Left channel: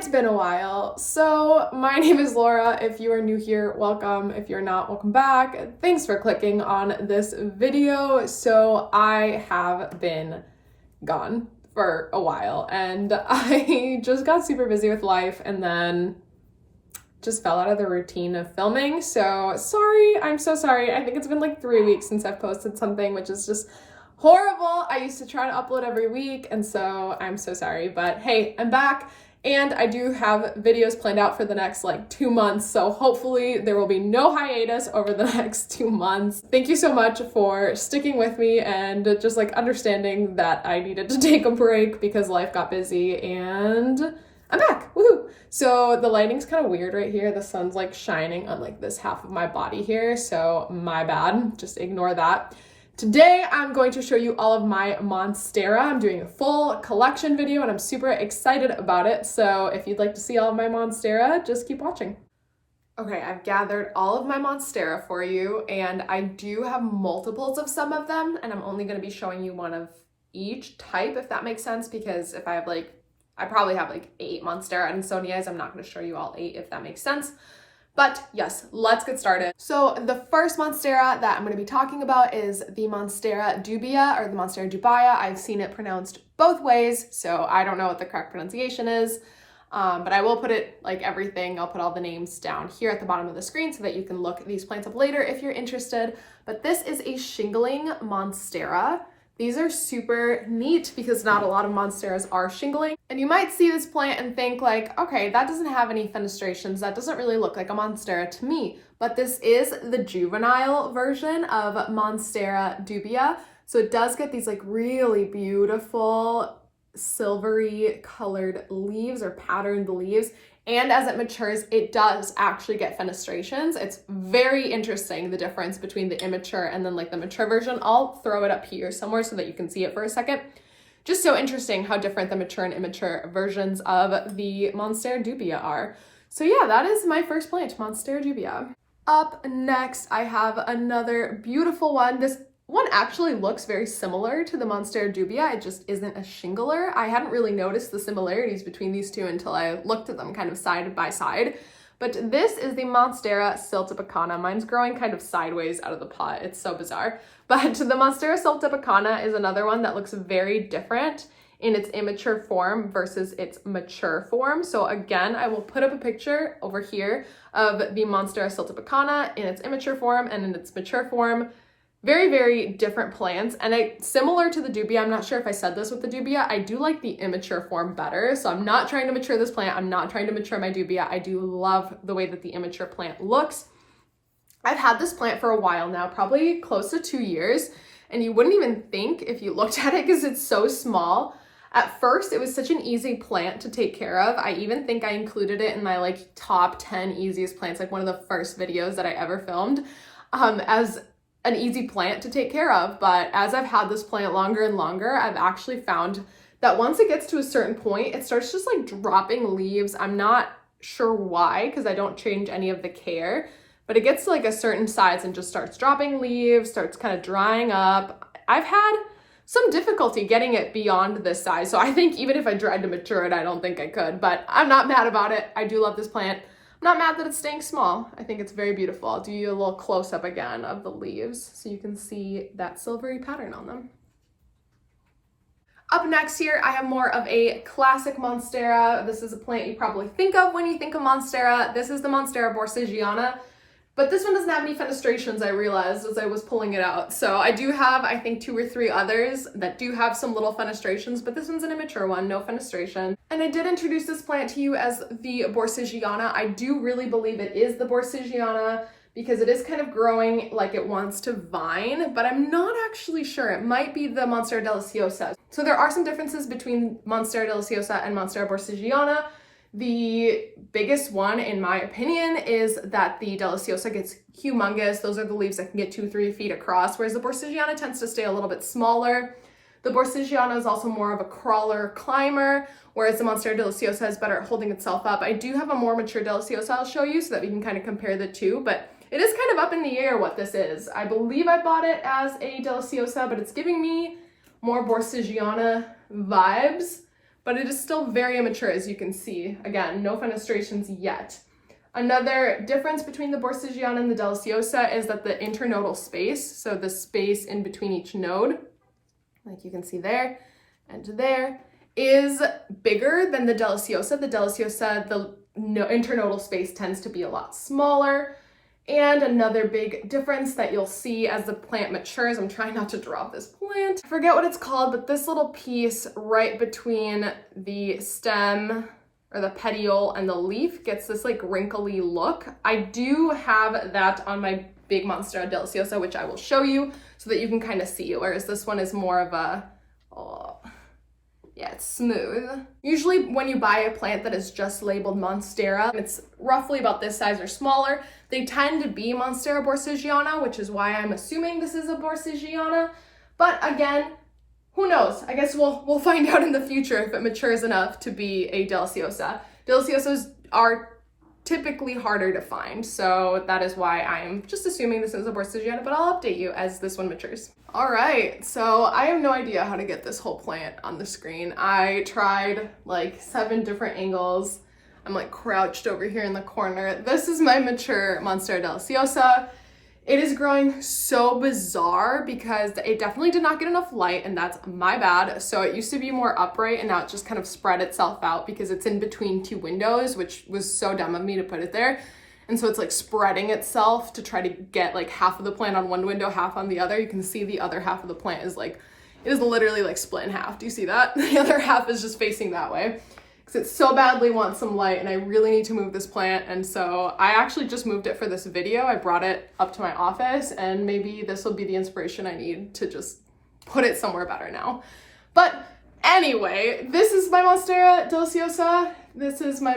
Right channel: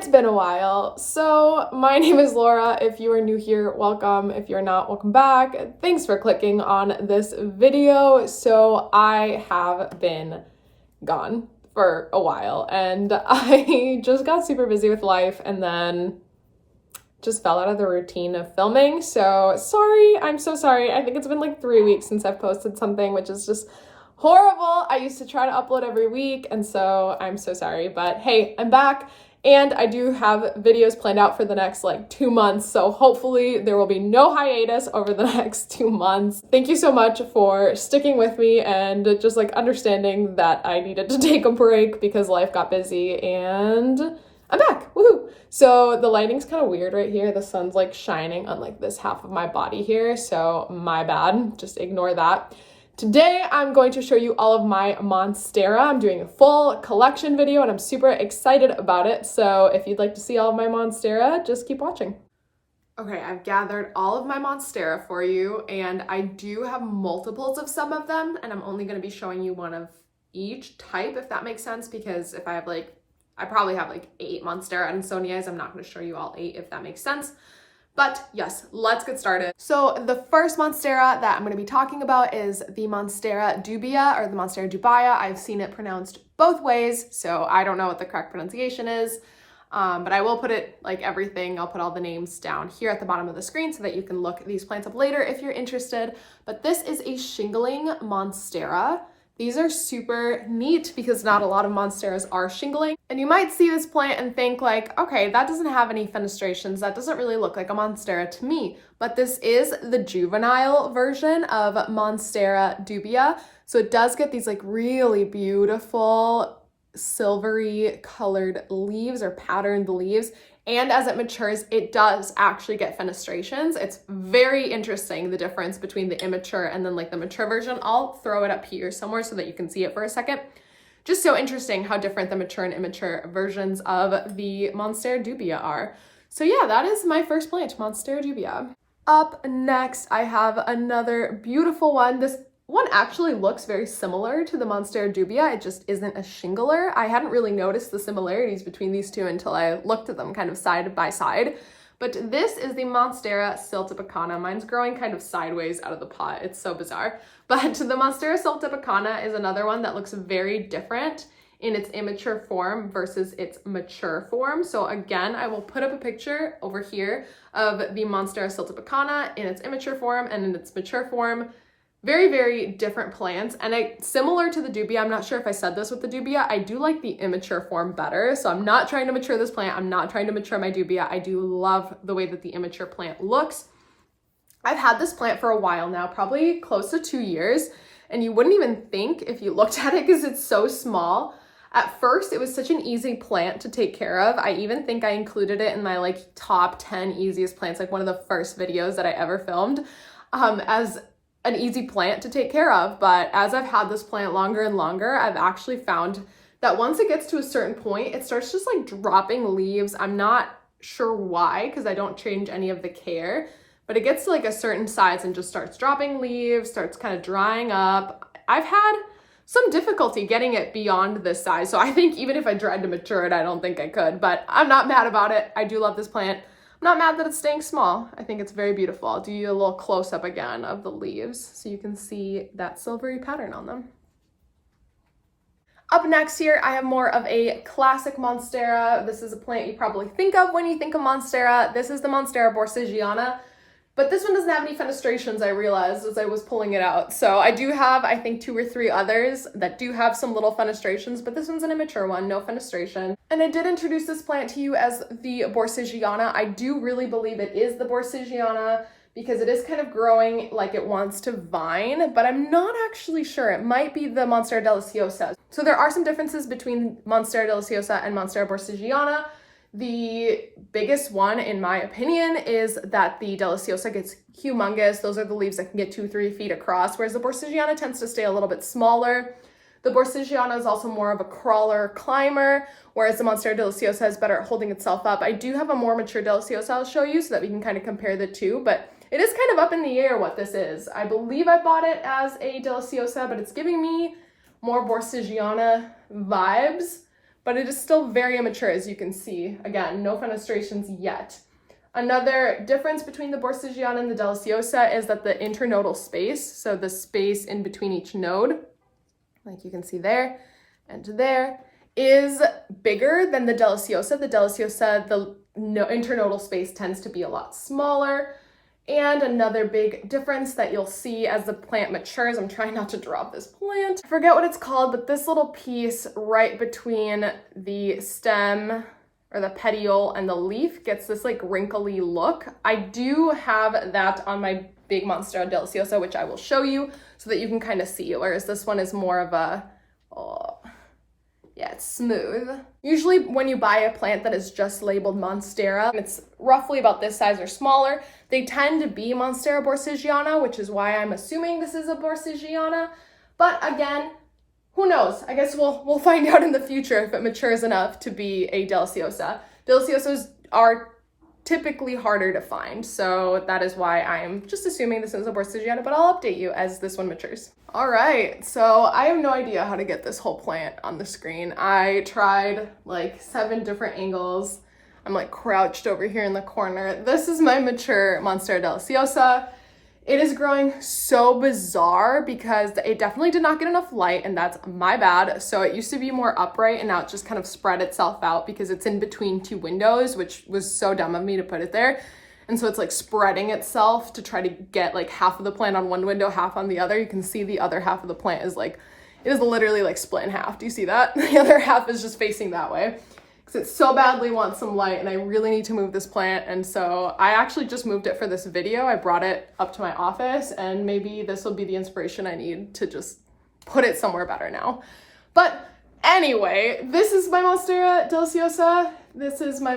It's been a while. So my name is Laura. If you are new here, welcome. If you're not, welcome back. Thanks for clicking on this video. So I have been gone for a while and I just got super busy with life and then just fell out of the routine of filming. So sorry, I'm so sorry. I think it's been like 3 weeks since I've posted something, which is just horrible. I used to try to upload every week, and so I'm so sorry, but hey, I'm back. And I do have videos planned out for the next like 2 months. So hopefully there will be no hiatus over the next 2 months. Thank you so much for sticking with me and just like understanding that I needed to take a break because life got busy, and I'm back. Woohoo! So the lighting's kind of weird right here. The sun's like shining on like this half of my body here. So my bad, just ignore that. Today, I'm going to show you all of my Monstera. I'm doing a full collection video and I'm super excited about it. So if you'd like to see all of my Monstera, just keep watching. Okay, I've gathered all of my Monstera for you, and I do have multiples of some of them, and I'm only going to be showing you one of each type, if that makes sense, because if I have I probably have like 8 Monstera ADANSONIIs. I'm not going to show you all 8, if that makes sense. But yes, let's get started. So the first Monstera that I'm going to be talking about is the Monstera DUBIA, or the Monstera DUBIA. I've seen it pronounced both ways, so I don't know what the correct pronunciation is, but I will put it like everything. I'll put all the names down here at the bottom of the screen so that you can look these plants up later if you're interested. But this is a shingling Monstera. These are super neat because not a lot of Monsteras are shingling. And you might see this plant and think like, okay, that doesn't have any fenestrations. That doesn't really look like a Monstera to me. But this is the juvenile version of Monstera DUBIA. So it does get these like really beautiful silvery colored leaves or patterned leaves. And as it matures, it does actually get fenestrations. It's very interesting, the difference between the immature and then like the mature version. I'll throw it up here somewhere so that you can see it for a second. Just so interesting how different the mature and immature versions of the Monstera DUBIA are. So yeah, that is my first plant, Monstera DUBIA. Up next, I have another beautiful one. This one actually looks very similar to the Monstera DUBIA. It just isn't a shingler. I hadn't really noticed the similarities between these two until I looked at them kind of side by side. But this is the Monstera SILTEPECANA. Mine's growing kind of sideways out of the pot. It's so bizarre. But the Monstera SILTEPECANA is another one that looks very different in its immature form versus its mature form. So again, I will put up a picture over here of the Monstera SILTEPECANA in its immature form and in its mature form. Very, very different plants, and similar to the DUBIA, I'm not sure if I said this with the DUBIA, I do like the immature form better. So I'm not trying to mature this plant. I'm not trying to mature my DUBIA. I do love the way that the immature plant looks. I've had this plant for a while now, probably close to 2 years, and you wouldn't even think if you looked at it because it's so small. At first, it was such an easy plant to take care of. I even think I included it in my like top 10 easiest plants, like one of the first videos that I ever filmed, as an easy plant to take care of. But as I've had this plant longer and longer, I've actually found that once it gets to a certain point, it starts just like dropping leaves. I'm not sure why, because I don't change any of the care, but it gets to like a certain size and just starts dropping leaves, starts kind of drying up. I've had some difficulty getting it beyond this size. So I think even if I tried to mature it, I don't think I could, but I'm not mad about it. I do love this plant. I'm not mad that it's staying small. I think it's very beautiful. I'll do you a little close-up again of the leaves so you can see that silvery pattern on them. Up next here, I have more of a classic Monstera. This is a plant you probably think of when you think of Monstera. This is the Monstera BORSIGIANA, but this one doesn't have any fenestrations, I realized as I was pulling it out. So I do have, I think, 2 or 3 others that do have some little fenestrations, but this one's an immature one, no fenestration. And I did introduce this plant to you as the BORSIGIANA. I do really believe it is the BORSIGIANA because it is kind of growing like it wants to vine, but I'm not actually sure. It might be the Monstera DELICIOSA. So there are some differences between Monstera DELICIOSA and Monstera BORSIGIANA. The biggest one, in my opinion, is that the DELICIOSA gets humongous. Those are the leaves that can get 2-3 feet across, whereas the BORSIGIANA tends to stay a little bit smaller. The BORSIGIANA is also more of a crawler climber, whereas the Monstera DELICIOSA is better at holding itself up. I do have a more mature DELICIOSA I'll show you so that we can kind of compare the two, but it is kind of up in the air what this is. I believe I bought it as a DELICIOSA, but it's giving me more BORSIGIANA vibes. but it is still very immature, as you can see. Again, no fenestrations yet. Another difference between the Borsigiana and the Deliciosa is that the internodal space, so the space in between each node, like you can see there and there, is bigger than the Deliciosa. The Deliciosa, the internodal space tends to be a lot smaller. And another big difference that you'll see as the plant matures, I'm trying not to drop this plant, I forget what it's called, but this little piece right between the stem or the petiole and the leaf gets this like wrinkly look. I do have that on my big Monstera Deliciosa, which I will show you so that you can kind of see, whereas this one is more of a, yeah, it's smooth. Usually when you buy a plant that is just labeled Monstera, it's roughly about this size or smaller, they tend to be Monstera Borsigiana, which is why I'm assuming this is a Borsigiana. But again, who knows? I guess we'll find out in the future if it matures enough to be a Deliciosa. Deliciosas are typically harder to find, so that is why I'm just assuming this is a Borsigiana, but I'll update you as this one matures. All right, so I have no idea how to get this whole plant on the screen. I tried like 7 different angles. I'm like crouched over here in the corner. This is my mature Monstera Deliciosa. It is growing so bizarre because it definitely did not get enough light, and that's my bad. So it used to be more upright and now it just kind of spread itself out because it's in between 2 windows, which was so dumb of me to put it there. And so it's like spreading itself to try to get like half of the plant on one window, half on the other. You can see the other half of the plant is like, it is literally like split in half. Do you see that? The other half is just facing that way because it so badly wants some light, and I really need to move this plant. And so I actually just moved it for this video. I brought it up to my office, and maybe this will be the inspiration I need to just put it somewhere better now. But anyway, this is my Monstera Deliciosa. This is my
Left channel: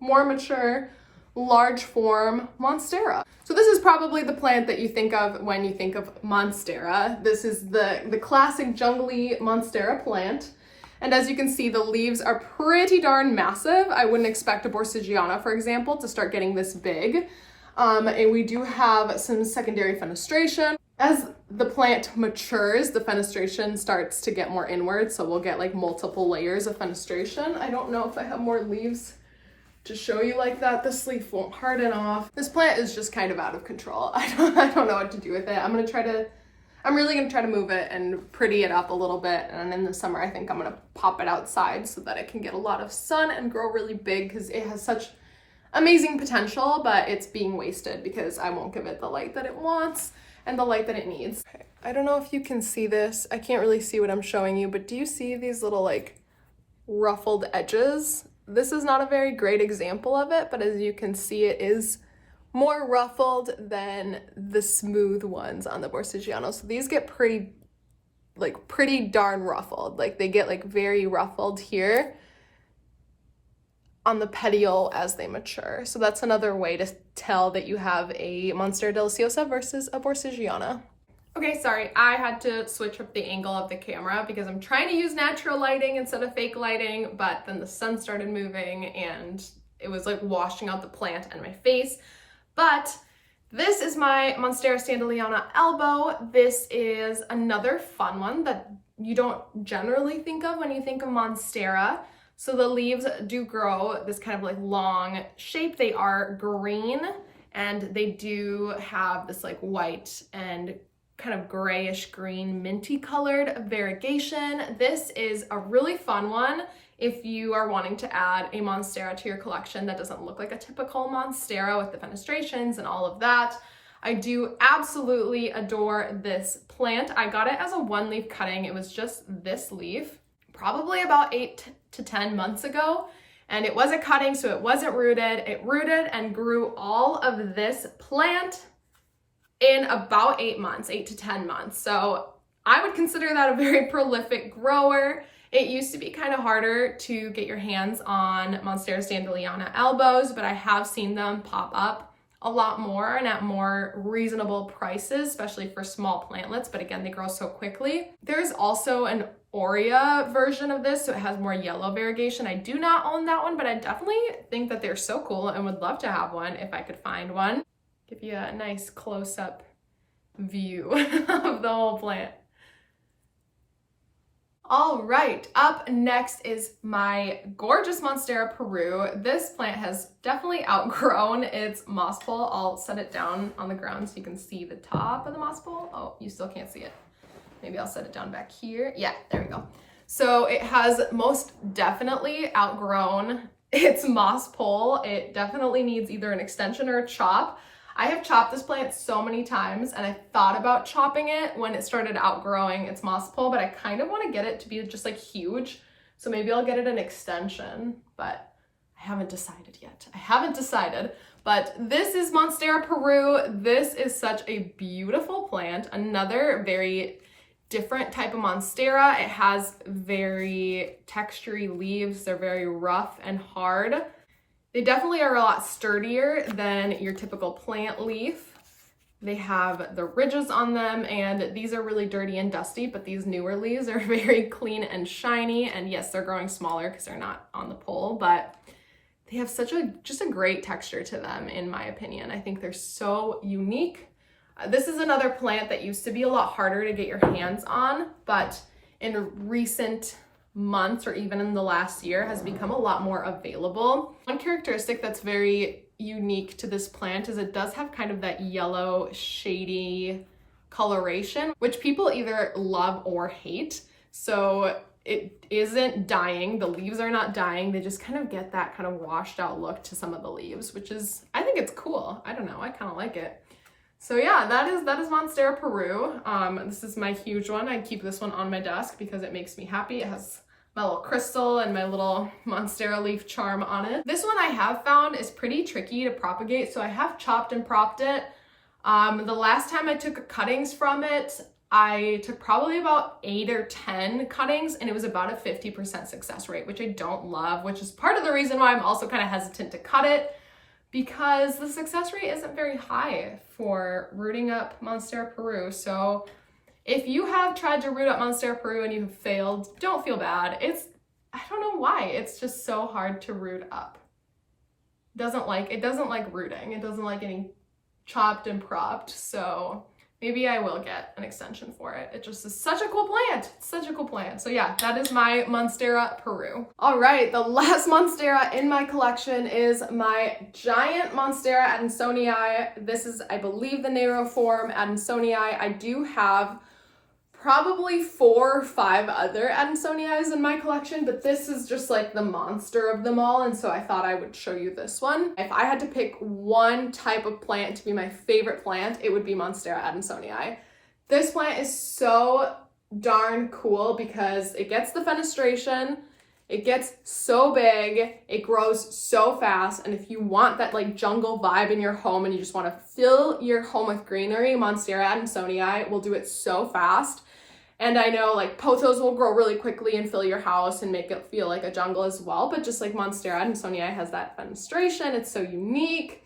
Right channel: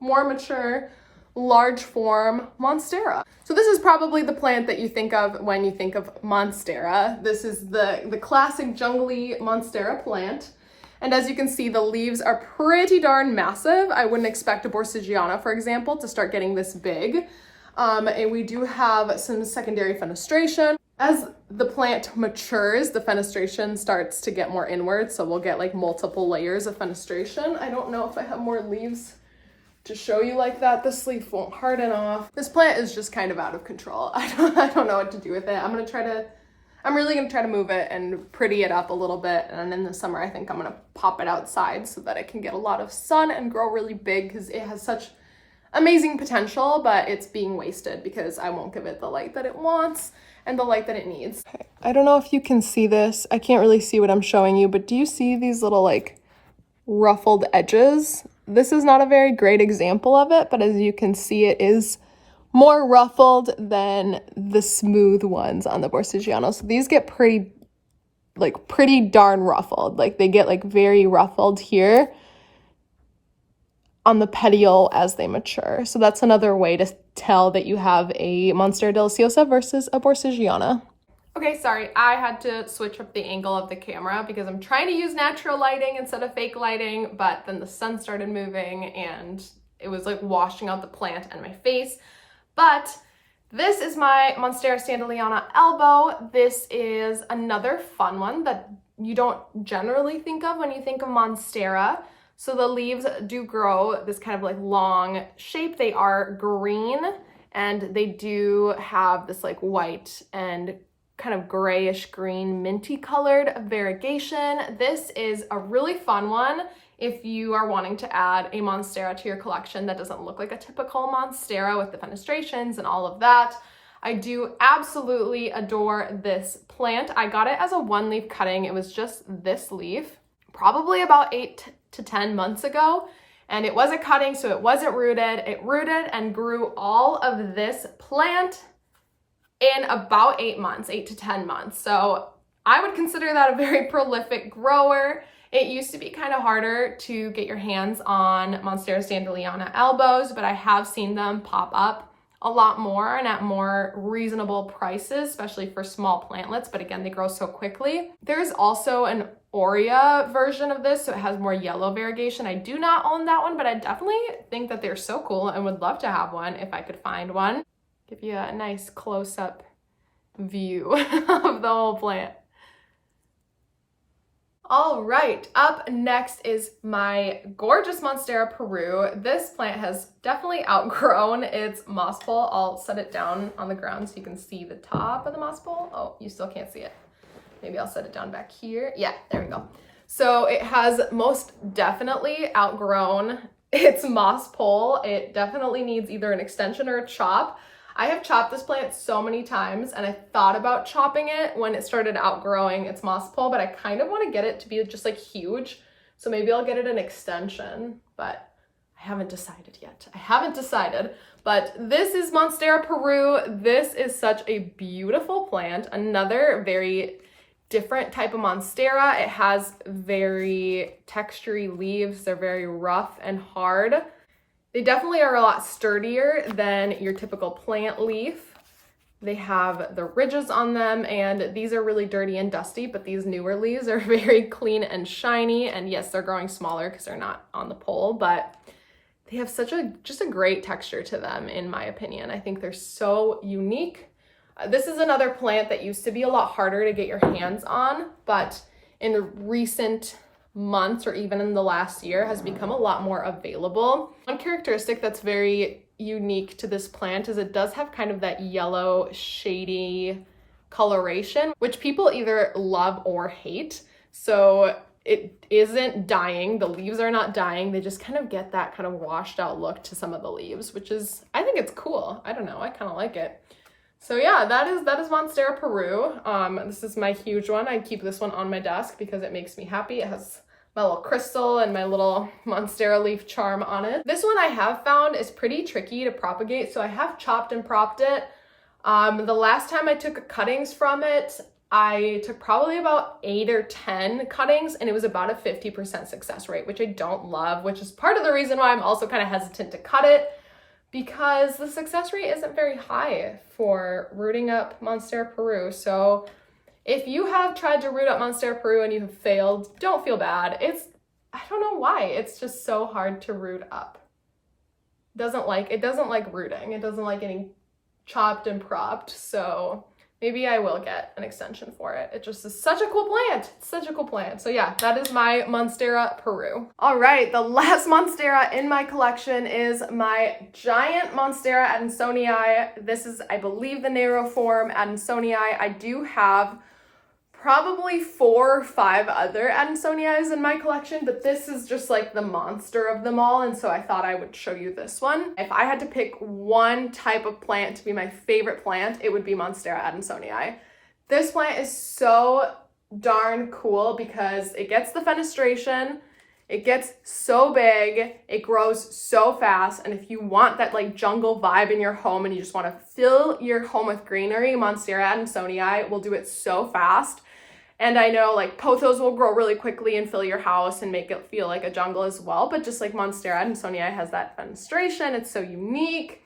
more mature, large form Monstera. So this is probably the plant that you think of when you think of Monstera. This is the classic jungly Monstera plant. And as you can see, the leaves are pretty darn massive. I wouldn't expect a Borsigiana, for example, to start getting this big. And we do have some secondary fenestration. As the plant matures, the fenestration starts to get more inward, so we'll get like multiple layers of fenestration. I don't know if I have more leaves to show you like that. This leaf won't harden off. This plant is just kind of out of control. I don't know what to do with it. I'm really gonna try to move it and pretty it up a little bit, and in the summer I think I'm gonna pop it outside so that it can get a lot of sun and grow really big, because it has such amazing potential, but it's being wasted because I won't give it the light that it wants and the light that it needs. Okay. I don't know if you can see this. I can't really see what I'm showing you, but do you see these little like ruffled edges? This is not a very great example of it, but as you can see, it is more ruffled than the smooth ones on the Borsigiana. So these get pretty darn ruffled. Like they get like very ruffled here on the petiole as they mature. So that's another way to tell that you have a Monstera Deliciosa versus a Borsigiana. Okay, sorry, I had to switch up the angle of the camera because I'm trying to use natural lighting instead of fake lighting, but then the sun started moving and it was like washing out the plant and my face. But this is my Monstera STANDLEYANA ALBO. This is another fun one that you don't generally think of when you think of Monstera. So the leaves do grow this kind of like long shape. They are green and they do have this like white and kind of grayish green minty colored variegation. This is a really fun one if you are wanting to add a Monstera to your collection that doesn't look like a typical Monstera with the fenestrations and all of that. I do absolutely adore this plant. I got it as a 1-leaf cutting. It was just this leaf, probably about 8 to 10 months ago. And it was a cutting, so it wasn't rooted. It rooted and grew all of this plant in about 8 to 10 months. So I would consider that a very prolific grower. It used to be kind of harder to get your hands on Monstera STANDLEYANA ALBOs, but I have seen them pop up a lot more and at more reasonable prices, especially for small plantlets, but again, they grow so quickly. There's also an Aurea version of this, so it has more yellow variegation. I do not own that one, but I definitely think that they're so cool and would love to have one if I could find one. Give you a nice close-up view of the whole plant. All right, up next is my gorgeous Monstera Peru. This plant has definitely outgrown its moss pole. I'll set it down on the ground so you can see the top of the moss pole. Oh, you still can't see it. Maybe I'll set it down back here. Yeah, there we go. So it has most definitely outgrown its moss pole. It definitely needs either an extension or a chop. I have chopped this plant so many times, and I thought about chopping it when it started outgrowing its moss pole, but I kind of want to get it to be just like huge. So maybe I'll get it an extension, but I haven't decided yet. I haven't decided, but this is Monstera Peru. This is such a beautiful plant. Another very different type of Monstera. It has very textury leaves. They're very rough and hard. They definitely are a lot sturdier than your typical plant leaf. They have the ridges on them, and these are really dirty and dusty, but these newer leaves are very clean and shiny. And yes, they're growing smaller because they're not on the pole, but they have just a great texture to them, in my opinion. I think they're so unique. This is another plant that used to be a lot harder to get your hands on, but in recent months or even in the last year has become a lot more available. One characteristic that's very unique to this plant is it does have kind of that yellow shady coloration, which people either love or hate. So it isn't dying. The leaves are not dying. They just kind of get that kind of washed out look to some of the leaves, which is, I think it's cool. I don't know, I kind of like it. So yeah, that is Monstera Peru. This is my huge one. I keep this one on my desk because it makes me happy. It has my little crystal and my little Monstera leaf charm on it. This one I have found is pretty tricky to propagate, so I have chopped and propped it. The last time I took cuttings from it, I took probably about 8 or 10 cuttings, and it was about a 50% success rate, which I don't love, which is part of the reason why I'm also kind of hesitant to cut it, because the success rate isn't very high for rooting up Monstera Peru. So if you have tried to root up Monstera Peru and you have failed, don't feel bad. I don't know why, it's just so hard to root up. It doesn't like rooting. It doesn't like getting chopped and propped. So maybe I will get an extension for it. It just is such a cool plant. It's such a cool plant. So yeah, that is my Monstera Peru. All right, the last Monstera in my collection is my giant Monstera Adansonii. This is, I believe, the narrow form Adansonii. I do have probably 4 or 5 other Adansoniis in my collection, but this is just like the monster of them all, and so I thought I would show you this one. If I had to pick one type of plant to be my favorite plant, it would be Monstera Adansonii. This plant is so darn cool because it gets the fenestration, it gets so big, it grows so fast, and if you want that like jungle vibe in your home and you just want to fill your home with greenery, Monstera Adansonii will do it so fast. And I know like pothos will grow really quickly and fill your house and make it feel like a jungle as well, but just like Monstera Adansonii has that fenestration, it's so unique,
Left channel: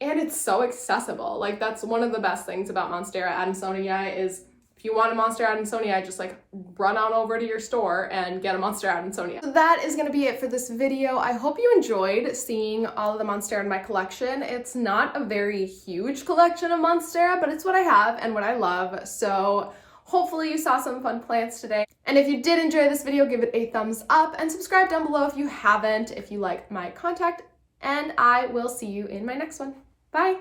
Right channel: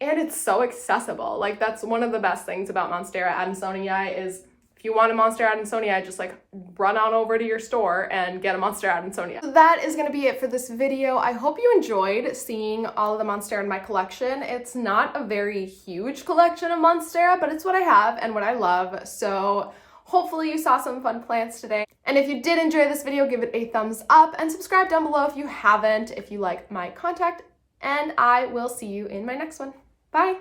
and it's so accessible. Like that's one of the best things about Monstera Adansonii is if you want a Monstera Adansonii, just like run on over to your store and get a Monstera Adansonii. So that is going to be it for this video. I hope you enjoyed seeing all of the Monstera in my collection. It's not a very huge collection of Monstera, but it's what I have and what I love. So hopefully you saw some fun plants today. And if you did enjoy this video, give it a thumbs up and subscribe down below if you haven't, if you like my content, and I will see you in my next one. Bye.